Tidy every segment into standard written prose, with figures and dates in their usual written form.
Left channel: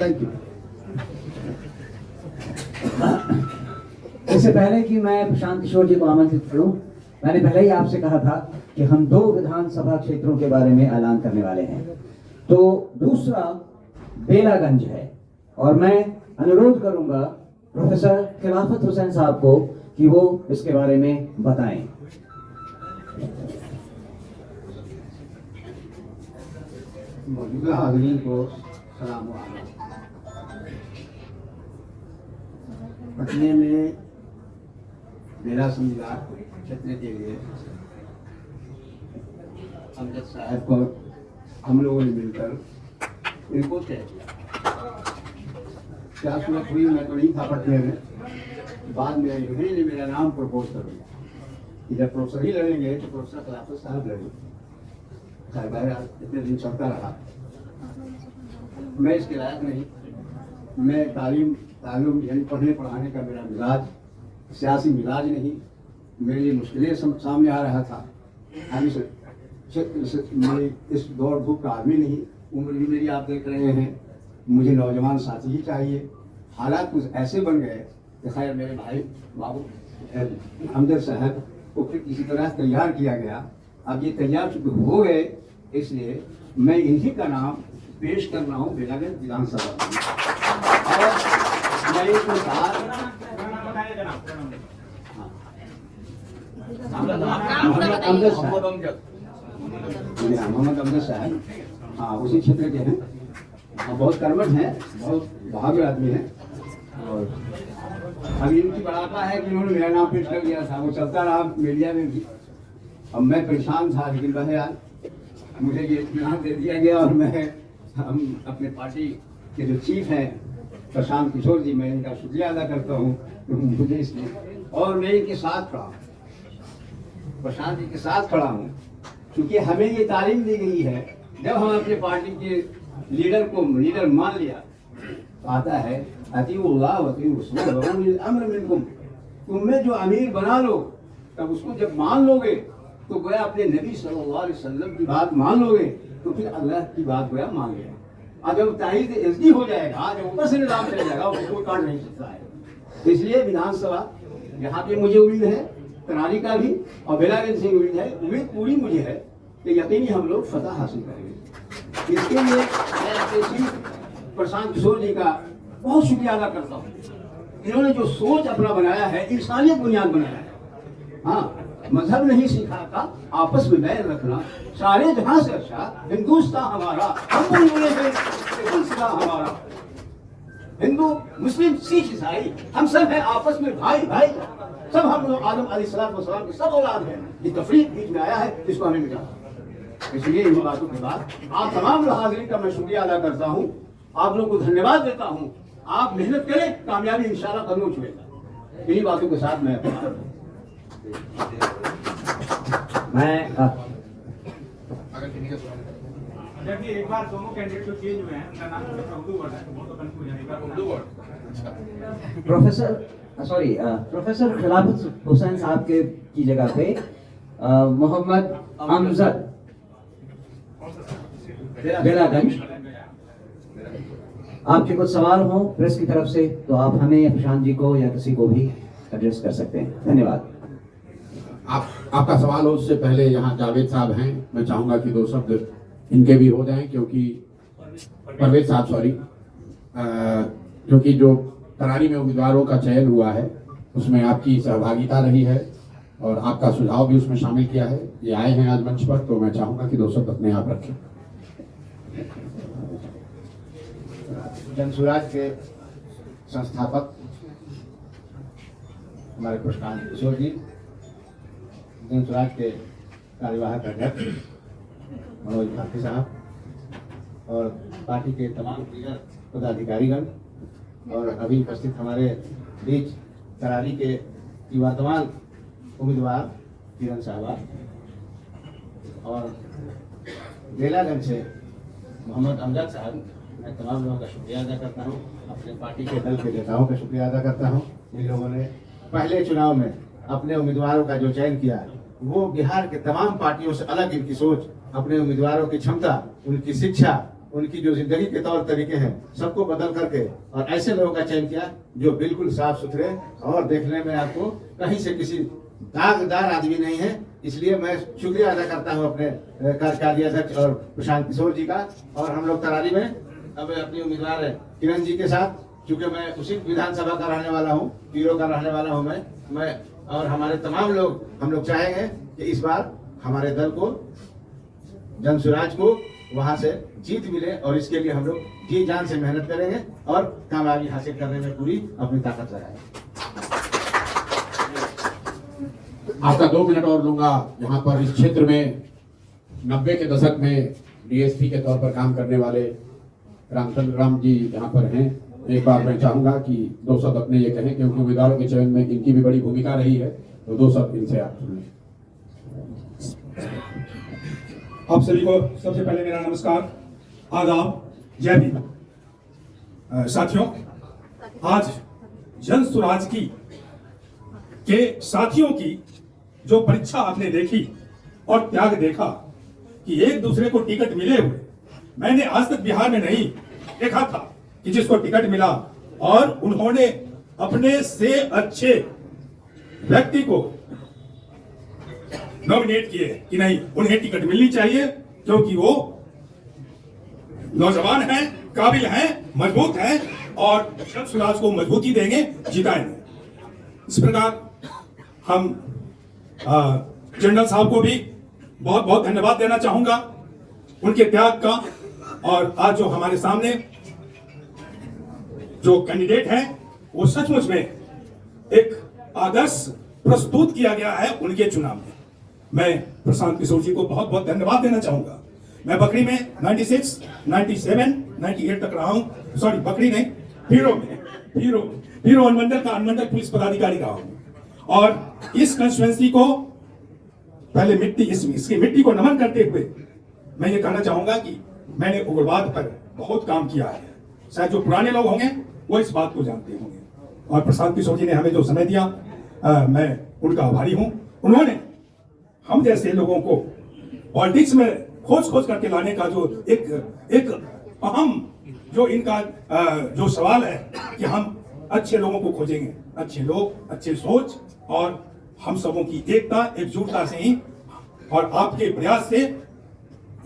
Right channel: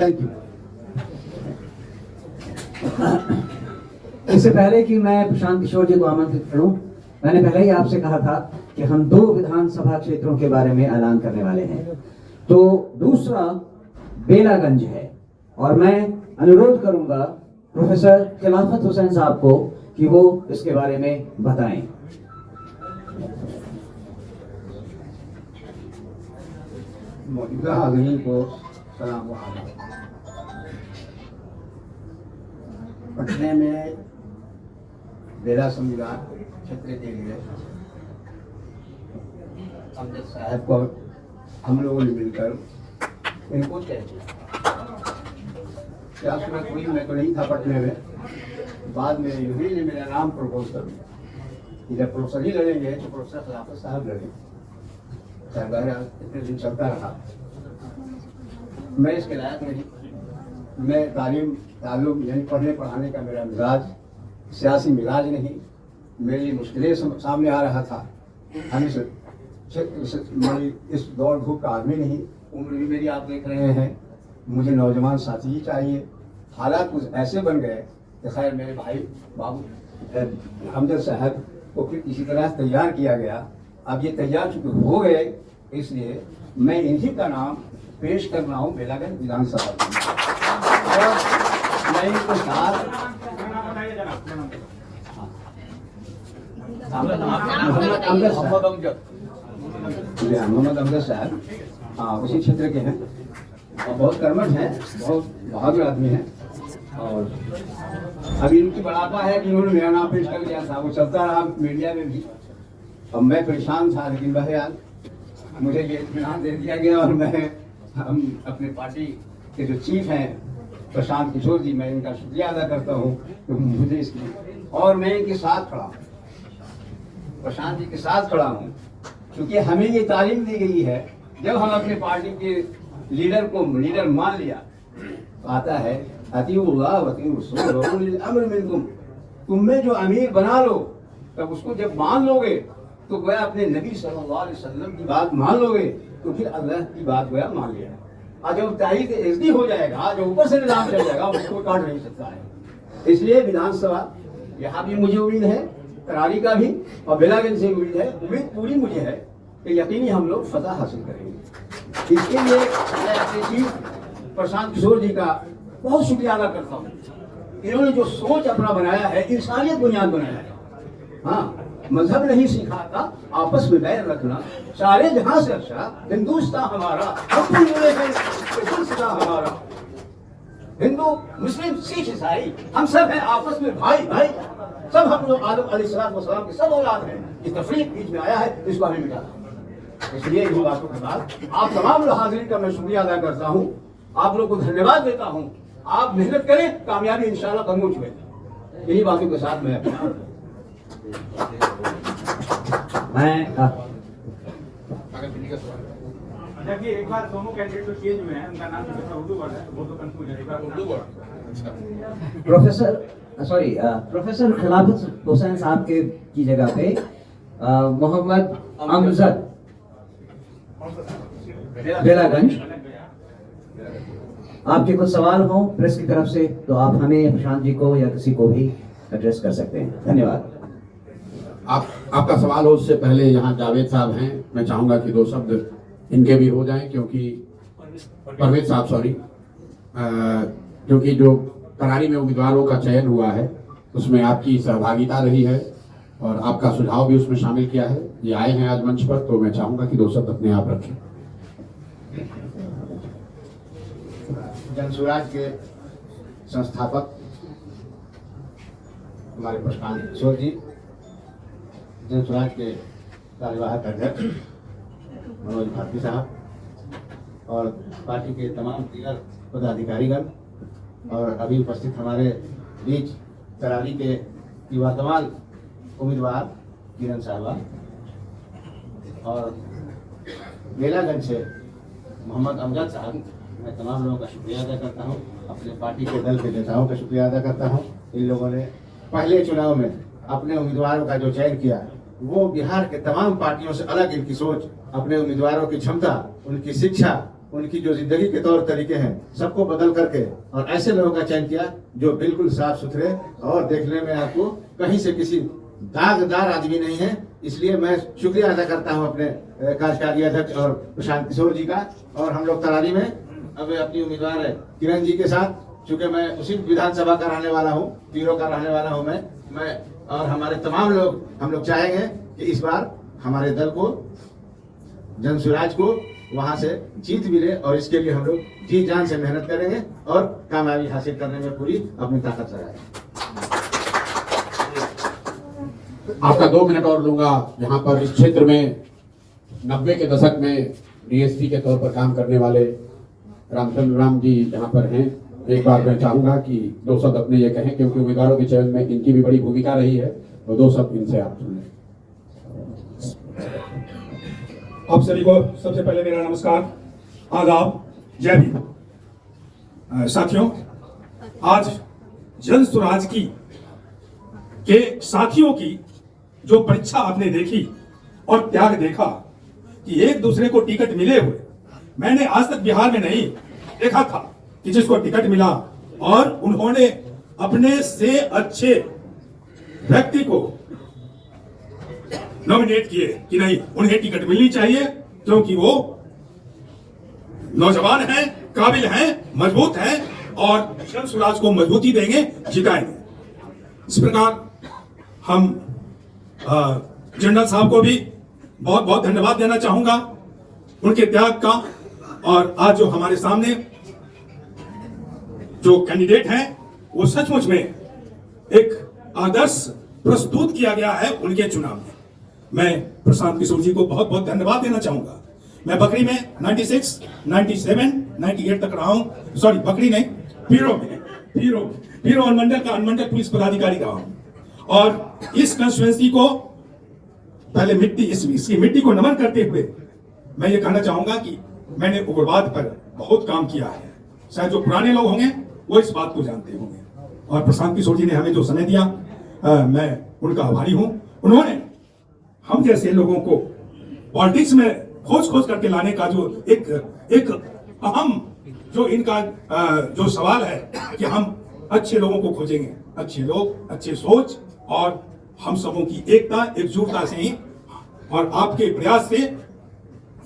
Thank you. इससे पहले कि मैं प्रशांत किशोर जी को आमंत्रित करूं, मैंने पहले ही आपसे कहा था कि हम 2 विधानसभा क्षेत्रों के बारे में ऐलान करने वाले हैं। तो दूसरा बेलागंज है और मैं अनुरोध करूंगा प्रोफेसर खिलाफत हुसैन साहब को कि वो इसके बारे में बताएं। मौजूदा हाज़रीन को सलाम व आदाब। पटने में बेला संविधान क्षेत्र के लिए अमजद साहब को हम लोगों ने मिलकर इनको तय किया। क्या सूरत हुई, मैं तो नहीं था पटने में, बाद में यूनिवर्सिटी ने मेरा नाम प्रपोज कर दिया कि जब प्रोफेसर ही लड़ेंगे तो प्रोफेसर खिलाफत साहब लड़ेंगे। चाहे बहरहाल इतने दिन चलता रहा, मैं इसके लायक नहीं। मैं तालीम यानी पढ़ने पढ़ाने का मेरा मिजाज सियासी मिजाज नहीं। मेरी मुश्किलें सामने आ रहा था। हम इस दौड़ धूप का आदमी नहीं। उम्र भी मेरी आप देख रहे हैं। मुझे नौजवान साथी ही चाहिए। हालात कुछ ऐसे बन गए कि खैर मेरे भाई बाबू अमजद साहब को फिर किसी तरह तैयार किया गया। अब ये तैयार चुके हो गए, इसलिए मैं इन्हीं का नाम पेश कर रहा हूँ बेलागंज विधानसभा में। और मैं इसके साथ मोहम्मद अमजद साहब, हाँ, उसी क्षेत्र के हैं और बहुत कर्मठ हैं, बहुत बहादुर आदमी हैं। और अभी इनकी बढ़ापा है कि उन्होंने मेरा नाम पेश कर दिया था, वो चलता रहा मीडिया में भी। अब मैं परेशान था, लेकिन बहरहाल मुझे ये इत्मीनान दे दिया गया और हम अपने पार्टी के जो चीफ हैं प्रशांत किशोर जी, मैं इनका शुक्रिया अदा करता हूँ मुझे इसलिए। और मैं इनके साथ खड़ा हूँ, प्रशांत जी के साथ खड़ा हूँ, क्योंकि हमें ये तालीम दी गई है। जब हम अपने पार्टी के लीडर को लीडर मान लिया, आता है अतीउल्लाह व अतीउर रसूल व उलिल अम्र मिनकुम, तुम में जो अमीर बना लो, तब उसको जब मान लोगे तो गोया अपने नबी सल्लल्लाहु अलैहि वसल्लम की बात मान लोगे तो फिर अल्लाह की बात गोया मान लिया। और जब तारीख एसडी हो जाएगा, जो ऊपर से निजाम चल जाएगा, उसको काट नहीं सकता है। इसलिए विधानसभा यहाँ भी मुझे उम्मीद है, करारी का भी और बेलागंज से उम्मीद है, उम्मीद पूरी मुझे है कि यकीनी हम लोग फतह हासिल करेंगे। इसके लिए मैं अपने चीफ प्रशांत किशोर जी का बहुत शुक्रिया अदा करता हूँ। इन्होंने जो सोच अपना बनाया है, इंसानियत बुनियाद बनाया है। हाँ, मजहब नहीं सिखाता आपस में बैर रखना, सारे जहां से अच्छा हिंदुस्तान हमारा, हम बोल रहे हैं सिलसिला हमारा। हिंदू मुस्लिम सिख ईसाई हम सब हैं आपस में भाई भाई, सब हम लोग आदम अलैहिस्सलाम के सब औलाद हैं। ये तफरीक बीच में आया है, इसको हमें मिटाना। इसलिए इन बातों के बाद आप तमाम हाजिरीन का मैं शुक्रिया अदा करता हूँ, आप लोग को धन्यवाद देता हूँ। आप मेहनत करें, कामयाबी इंशाल्लाह कदमों छुएगा। इन्हीं बातों के साथ मैं जबकि एक बार दोनों कैंडिडेट जो चेंज हुए हैं, उनका नाम उर्दू वर्ड है, तो बहुत कंफ्यूज है। एक बार उर्दू वर्ड प्रोफेसर खिलाफत हुसैन साहब के की जगह पे मोहम्मद अमजद बेलागंज। आपके कुछ सवाल हो प्रेस की तरफ से तो आप हमें, प्रशांत जी को या किसी को भी एड्रेस कर सकते हैं। धन्यवाद। आपका सवाल हो उससे पहले यहाँ जावेद साहब हैं, मैं चाहूंगा कि 2 शब्द इनके भी हो जाएं, क्योंकि परवेज साहब सॉरी, क्योंकि जो करारी में उम्मीदवारों का चयन हुआ है उसमें आपकी सहभागिता रही है और आपका सुझाव भी उसमें शामिल किया है। ये आए हैं आज मंच पर, तो मैं चाहूंगा कि 2 शब्द अपने आप रखें। जनसुराज के संस्थापक हमारे प्रशांत किशोर जी, जनसुराज के कार्यवाहक अध्यक्ष मनोज भारती साहब और पार्टी के तमाम दीगर पदाधिकारीगण और अभी उपस्थित हमारे बीच करारी के वर्तमान उम्मीदवार किरण साहबा और बेलागंज से मोहम्मद अमजद साहब, मैं तमाम लोगों का शुक्रिया अदा करता हूँ। अपने पार्टी के दल के नेताओं का शुक्रिया अदा करता हूँ। इन लोगों ने पहले चुनाव में अपने उम्मीदवारों का जो चयन किया, वो बिहार के तमाम पार्टियों से अलग इनकी सोच, अपने उम्मीदवारों की क्षमता, उनकी शिक्षा, उनकी जो जिंदगी के तौर तरीके हैं सबको बदल करके और ऐसे लोगों का चयन किया जो बिल्कुल साफ सुथरे और देखने में आपको कहीं से किसी दागदार आदमी नहीं है। इसलिए मैं शुक्रिया अदा करता हूं अपने कार्यकारी अध्यक्ष और प्रशांत किशोर जी का। और हम लोग तरारी में अब अपनी उम्मीदवार है किरण जी के साथ, चूंकि मैं उसी विधानसभा का रहने वाला हूँ, पीरो का रहने वाला हूँ मैं और हमारे तमाम लोग हम लोग चाहेंगे कि इस बार हमारे दल को, जन स्वराज को वहां से जीत मिले और इसके लिए हम लोग जी जान से मेहनत करेंगे और कामयाबी हासिल करने में पूरी अपनी ताकत लगाएंगे। आपका 2 मिनट और लूंगा। यहाँ पर इस क्षेत्र में 90 के दशक में डीएसपी के तौर पर काम करने वाले रामचंद्र राम जी यहाँ पर हैं। एक बार मैं चाहूंगा कि 2 शब्द अपने ये कहें, क्योंकि उम्मीदवारों के चयन में इनकी भी बड़ी भूमिका रही है, तो 2 शब्द इनसे आप सुन लें। आप सभी को सबसे पहले मेरा नमस्कार, आदाब, जय भीम। साथियों, आज जन स्वराज की के साथियों की जो परीक्षा आपने देखी और त्याग देखा कि एक दूसरे को टिकट मिले हुए, मैंने आज तक बिहार में नहीं देखा था कि जिसको टिकट मिला और उन्होंने अपने से अच्छे व्यक्ति को नॉमिनेट किए कि नहीं, उन्हें टिकट मिलनी चाहिए क्योंकि वो नौजवान हैं, काबिल हैं, मजबूत हैं और जन स्वराज को मजबूती देंगे, जिताएंगे। इस प्रकार हम जनरल साहब को भी बहुत बहुत धन्यवाद देना चाहूंगा उनके त्याग का। और आज जो हमारे सामने जो कैंडिडेट हैं वो सचमुच में एक आदर्श प्रस्तुत किया गया है उनके चुनाव में। मैं प्रशांत किशोर जी को बहुत बहुत धन्यवाद देना चाहूंगा। मैं बकरी में 96, 97, 98 तक रहा हूं। सॉरी, बकरी नहीं, पीरो अनुमंडल का अनुमंडल पुलिस पदाधिकारी रहा हूं और इस कंस्टिट्यूएंसी को पहले इसकी मिट्टी को नमन करते हुए मैं ये कहना चाहूंगा कि मैंने उग्रवाद पर बहुत काम किया है। शायद जो पुराने लोग होंगे वो इस बात को जानते होंगे। और प्रशांत किशोर जी ने हमें जो समय दिया, मैं उनका आभारी हूं। उन्होंने हम जैसे लोगों को पॉलिटिक्स में खोज करके लाने का जो एक अहम जो इनका जो सवाल है कि हम अच्छे लोगों को खोजेंगे, अच्छे लोग, अच्छे सोच और हम सबों की एकता, एकजुटता से ही और आपके प्रयास से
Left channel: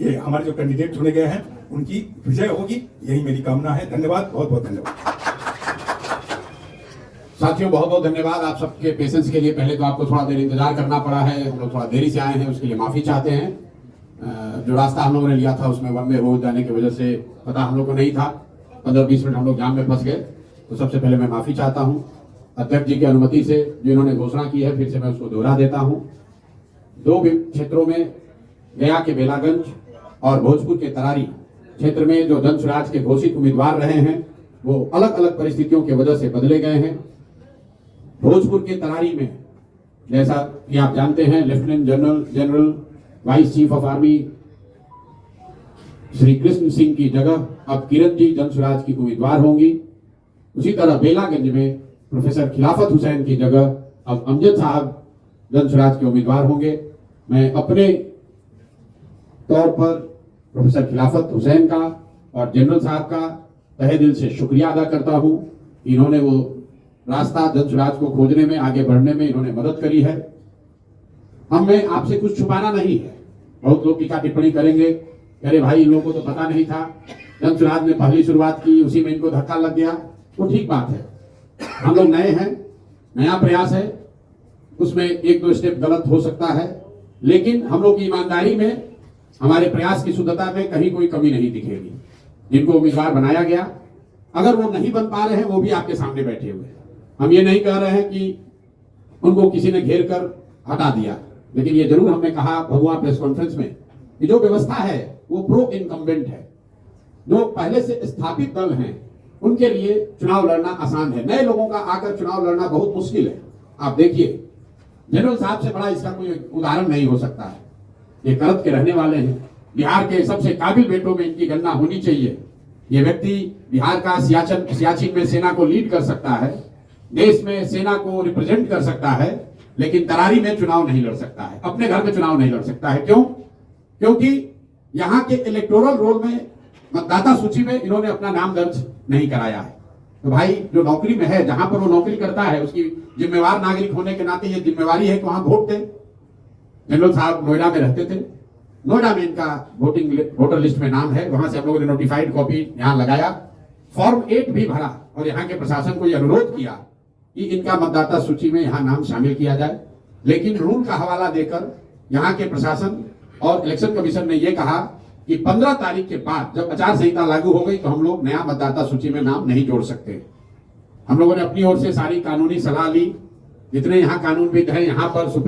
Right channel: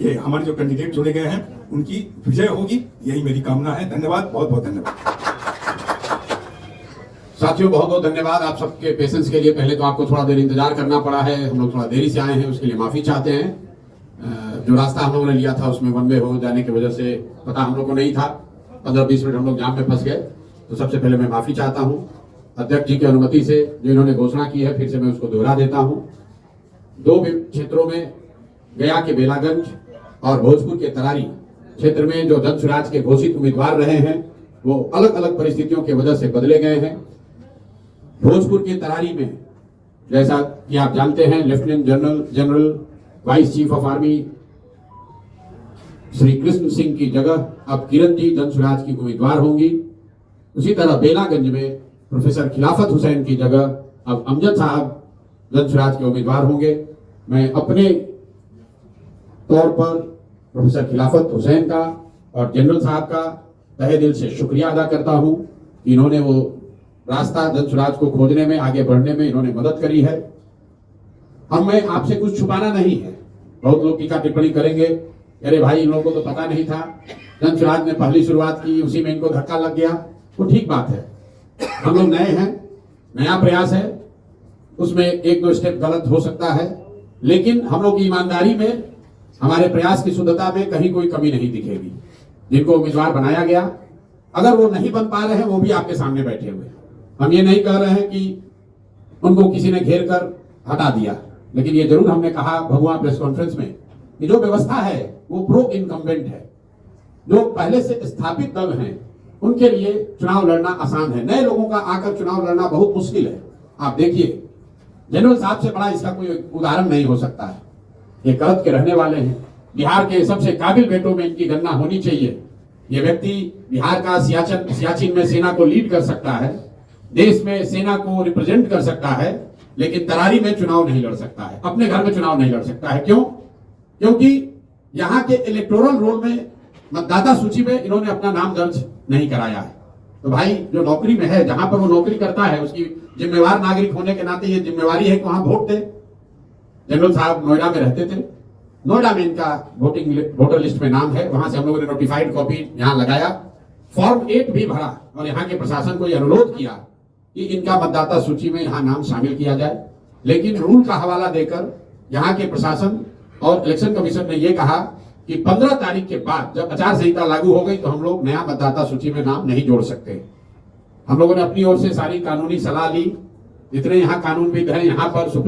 ये हमारे जो कैंडिडेट चुने गए हैं उनकी विजय होगी, यही मेरी कामना है। धन्यवाद, बहुत बहुत धन्यवाद। साथियों, बहुत बहुत धन्यवाद आप सबके पेशेंस के लिए। पहले तो आपको थोड़ा देर इंतजार करना पड़ा है, हम लोग थोड़ा देरी से आए हैं, उसके लिए माफी चाहते हैं। जो रास्ता हम लोगों ने लिया था उसमें वन वे हो जाने की वजह से पता हम लोग को नहीं था, 15-20 मिनट हम लोग जाम में फंस गए। तो सबसे पहले मैं माफी चाहता हूँ अध्यक्ष जी की अनुमति से, जो इन्होंने घोषणा की है, फिर से मैं उसको दोहरा देता हूँ। 2 क्षेत्रों में, गया के बेलागंज और भोजपुर के तरारी क्षेत्र में जो जन स्वराज के घोषित उम्मीदवार रहे हैं वो अलग अलग परिस्थितियों की वजह से बदले गए हैं। भोजपुर के तरारी में, जैसा कि आप जानते हैं, lieutenant general vice chief of army Shri Krishna Singh की जगह अब किरण जी जन स्वराज की उम्मीदवार होंगी। उसी तरह बेलागंज में प्रोफेसर खिलाफत हुसैन की जगह अब अमजद साहब जन स्वराज के उम्मीदवार होंगे। मैं अपने तौर पर प्रोफेसर खिलाफत हुसैन का और जनरल साहब का तहे दिल से शुक्रिया अदा करता हूं कि इन्होंने वो रास्ता जन स्वराज को खोजने में, आगे बढ़ने में इन्होंने मदद करी है। हमें आपसे कुछ छुपाना नहीं है। बहुत लोग टीका टिप्पणी करेंगे, अरे भाई इन लोगों को तो पता नहीं था, जन स्वराज ने पहली शुरुआत की, उसी में इनको धक्का लग गया। वो ठीक बात है, हम लोग नए हैं, नया प्रयास है, उसमें 1-2 स्टेप गलत हो सकता है, लेकिन हम लोग की ईमानदारी में, हमारे प्रयास की शुद्धता में कहीं कोई कमी नहीं दिखेगी। जिनको उम्मीदवार बनाया गया, अगर वो नहीं बन पा रहे हैं, वो भी आपके सामने बैठे हुए हैं। हम ये नहीं कह रहे हैं कि उनको किसी ने घेर कर हटा दिया, लेकिन ये जरूर हमने कहा भगवान प्रेस कॉन्फ्रेंस में कि जो व्यवस्था है वो प्रो इनकम्बेंट है। जो पहले से स्थापित दल हैं उनके लिए चुनाव लड़ना आसान है, नए लोगों का आकर चुनाव लड़ना बहुत मुश्किल है। आप देखिए, जनरल साहब से बड़ा इसका कोई उदाहरण नहीं हो सकता है। ये कलत के रहने वाले हैं, बिहार के सबसे काबिल बेटों में इनकी गणना होनी चाहिए। ये व्यक्ति बिहार का सियाचिन में सेना को लीड कर सकता है, देश में सेना को रिप्रेजेंट कर सकता है, लेकिन तरारी में चुनाव नहीं लड़ सकता है, अपने घर में चुनाव नहीं लड़ सकता है। क्यों? क्योंकि यहाँ के इलेक्टोरल रोल में मतदाता सूची में इन्होंने अपना नाम दर्ज नहीं कराया है। तो भाई जो नौकरी में है, जहां पर वो नौकरी करता है, उसकी जिम्मेवार नागरिक होने के नाते ये जिम्मेवारी है कि वहां वोट दे। जनरल साहब नोएडा में रहते थे, नोएडा में इनका वोटर लिस्ट में नाम है, वहां से हम लोगों ने नोटिफाइड कॉपी यहाँ लगाया, फॉर्म 8 भी भरा और यहाँ के प्रशासन को यह अनुरोध किया कि इनका मतदाता सूची में यहाँ नाम शामिल किया जाए। लेकिन रूल का हवाला देकर यहाँ के प्रशासन और इलेक्शन कमीशन ने यह कहा कि 15 तारीख के बाद जब आचार संहिता लागू हो गई तो हम लोग नया मतदाता सूची में नाम नहीं जोड़ सकते। हम लोगों ने अपनी ओर से सारी कानूनी सलाह ली, जितने यहाँ कानूनविद हैं यहाँ पर सुप्रीम